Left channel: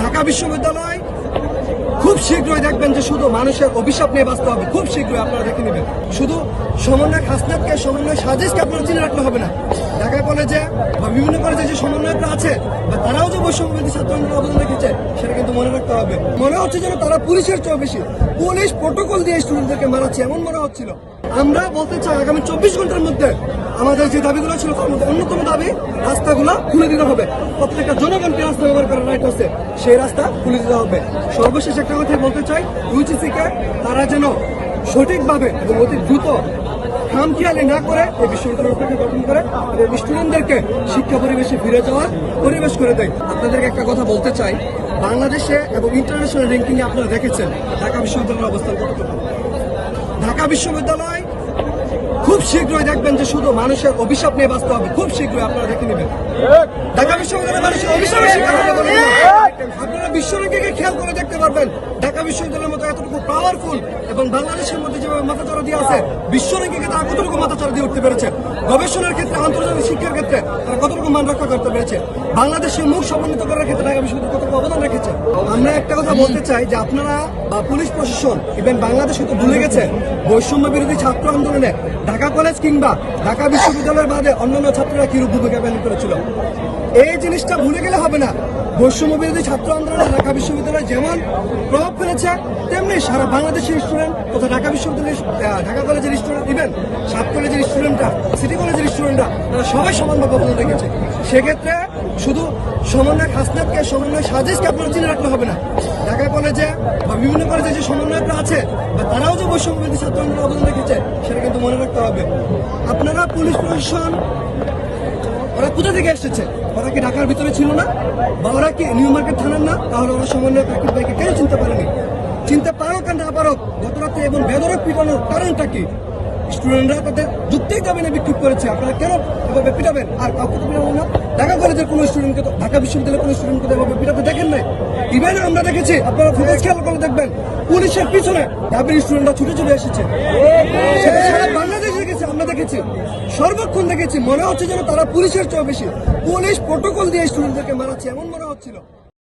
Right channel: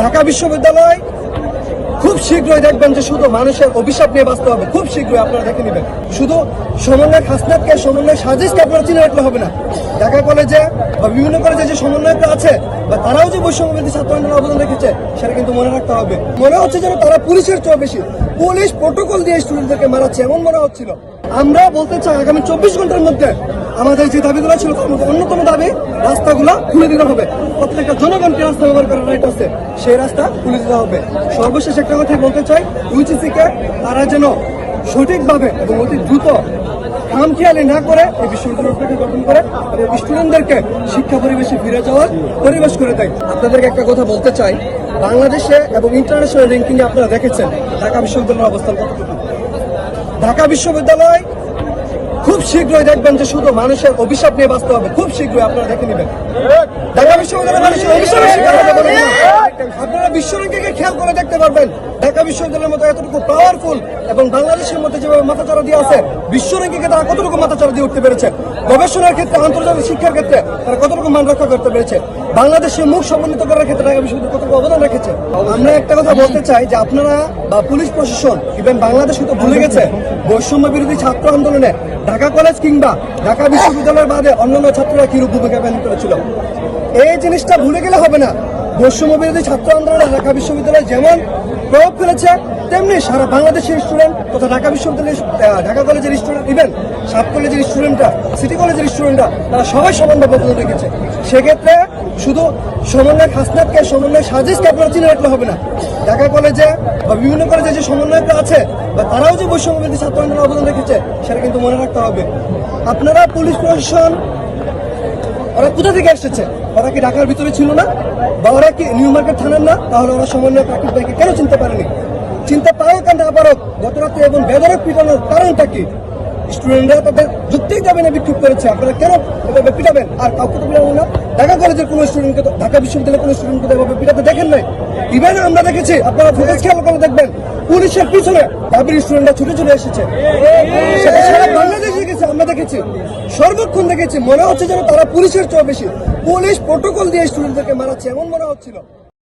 ঢাকা বিশ্ববিদ্যালয় খুব শীঘ্রই দেখবেন যে শুধু মানুষের অভিশাপ নিয়ে বাঁচতে হবে, খুব শীঘ্রই আপনারা দেখে নেবেন। শুধু সমন্বয় হাসনাতকে সমন্বয় সাজিশকে আপনারা চিনে রাখলে হবে না। ঢাকা কলেজে বা বিভিন্ন কলেজে যে সমন্বয়টা আছে, বা তারাও যে বৈষম্যবিধি ছাত্র অবদান রেখেছে, সেটা কিন্তু মনে রাখতে হবে। মনে হচ্ছে যেন তারা পুলিশের চেয়ে বেশি। পুলিশ প্রোটোকল দিয়ে স্টুডেন্টদেরকে মারাচ্ছে, এমন মনে হচ্ছিল। আমরা বলতে চাই, আগামী চব্বিশ ঘণ্টার মধ্যে আমাদের যে দাবিগুলো ছিল, তার মধ্যে অন্যতম দাবি, রাস্তাগুলো খুলে দিতে হবে। প্রত্যেকটা জনগণকে রাস্তা ব্যবহার করার সেই রাস্তা খুলে দিতে হবে। সর্বশেষ একটা কথা বলতে চাই ইউজিসি কে তারা যেন সঠিকভাবে এবং অতি দ্রুত খামখেয়ালি না করে এই বিশ্ববিদ্যালয়টাকে গঠন করে এবং স্টুডেন্টদেরকে শিক্ষা পরিবেশে ফিরে যাওয়ার পরিবেশ করে দেয়। আপনাদেরকে একটা কথা বলতে চাই, বাংলাদেশে এবং ইন্টারন্যাশনাল র্যাঙ্কিং আপনারা দেখেছেন ঢাকা বিশ্ববিদ্যালয়ের অবস্থান ঢাকা বিশ্ববিদ্যালয় খুব শীঘ্রই দেখবেন যে শুধু মানুষের অভিশাপ নিয়ে বাঁচতে হবে, খুব শীঘ্রই আপনারা দেখে নেবেন। ঢাকা বিশ্ববিদ্যালয় মানুষের অভিশাপের হয়। আপনারা খেয়াল করে দেখতে পারবেন। ঢাকা বিশ্ববিদ্যালয়ের মতো এতটুকু পাওয়ারফুল এবং বাংলাদেশের মধ্যে যেভাবে দিয়ে আছে তারা কতটুকু দিয়ে উঠতে পেরেছে? গবেষণার ক্ষেত্রে, আন্তর্জাতিক শিক্ষার ক্ষেত্রে তারা কতটুকু মান রক্ষা করতে পেরেছে? বাংলাদেশের মুখ করার ক্ষেত্রে ঢাকা বিশ্ববিদ্যালয় কতটুকু অবদান রেখেছে? আমরা একটা কথা বলতে চাই যে আপনারা বা পুলিশ প্রশাসন ইভেন বাংলাদেশ তো ভুলে গেছে, বৈষম্য বিরোধী ছাত্র আন্দোলনে ঢাকা কলেজ কিংবা ঢাকা বিশ্ববিদ্যালয়ের বাদে অন্যান্য ছাত্ররা কিরূপ ভূমিকা পালন করেছিল? এই জিনিসটা ভুলে গেলে হবে না। বৈষম্য বিরোধী ছাত্র আন্দোলনে ঢাকা বিশ্ববিদ্যালয় যেমন প্রভাব ফেলেছে, তেমনি সারা বাংলাদেশের স্টুডেন্ট তথা ঢাকা বিশ্ববিদ্যালয়ের ঢাকা কলেজের স্টুডেন্ট ইভেন সাত কলেজের স্টুডেন্টরা সিটি কলেজের স্টুডেন্টরা তারা সবাই সমানভাবে অবদান রেখেছে সেক্ষেত্রে শুধু সমন্বয় হাসনাতকে সমন্বয় সাজিশকে আপনারা চিনে রাখলে হবে না। ঢাকা কলেজে বা বিভিন্ন কলেজে যে সমন্বয়টা আছে, বা তারাও যে বৈষম্যবিধি ছাত্র আন্দোলনের অবদান রেখেছে, সেটা কিন্তু মনে রাখতে হবে। আপনারা পুলিশ প্রশাসন ওরা কোথা থেকে এসেছে? ওরা কি ঢাকার ভিতরে ছিল না? বা ওরা কি নিউ মার্কেট থানার না? তাহলে ওরা সমন্বয় কাকির ভাইকে কেন চিনতে পারেনি? চিনতে পারে কেন না গত রাতে এবং বেদরক পিটানোর কারণটা কি? স্টুডেন্টরা তাদের যুক্তি যাবেন না বিক্ষোভ করেছে। আপনারা কেন পিটাবেন? আর কাউকে তো পিটাবেন না। ঢাকা কলেজের কোনো স্টুডেন্টকে তো ঢাকা বিশ্ববিদ্যালয়ের কোনো স্টুডেন্টকে তো এভাবে পিটাতে দেখেন নাই? ইভেন আমরা দেখেছি, আপনারা ফুটেজ খেয়াল করে দেখবেন, পুলিশের পিছনে ঢাবির স্টুডেন্টরা ছুটে চলে এসেছে। সেটা সারা বাংলাদেশে গেছে আমরা দেখেছি। সর্বক্ষণ দেখেছি, মনে হচ্ছে যেন তারা পুলিশের চেয়ে বেশি। পুলিশ প্রোটোকল দিয়ে স্টুডেন্টদেরকে মারাচ্ছে, এমন মনে হচ্ছিল।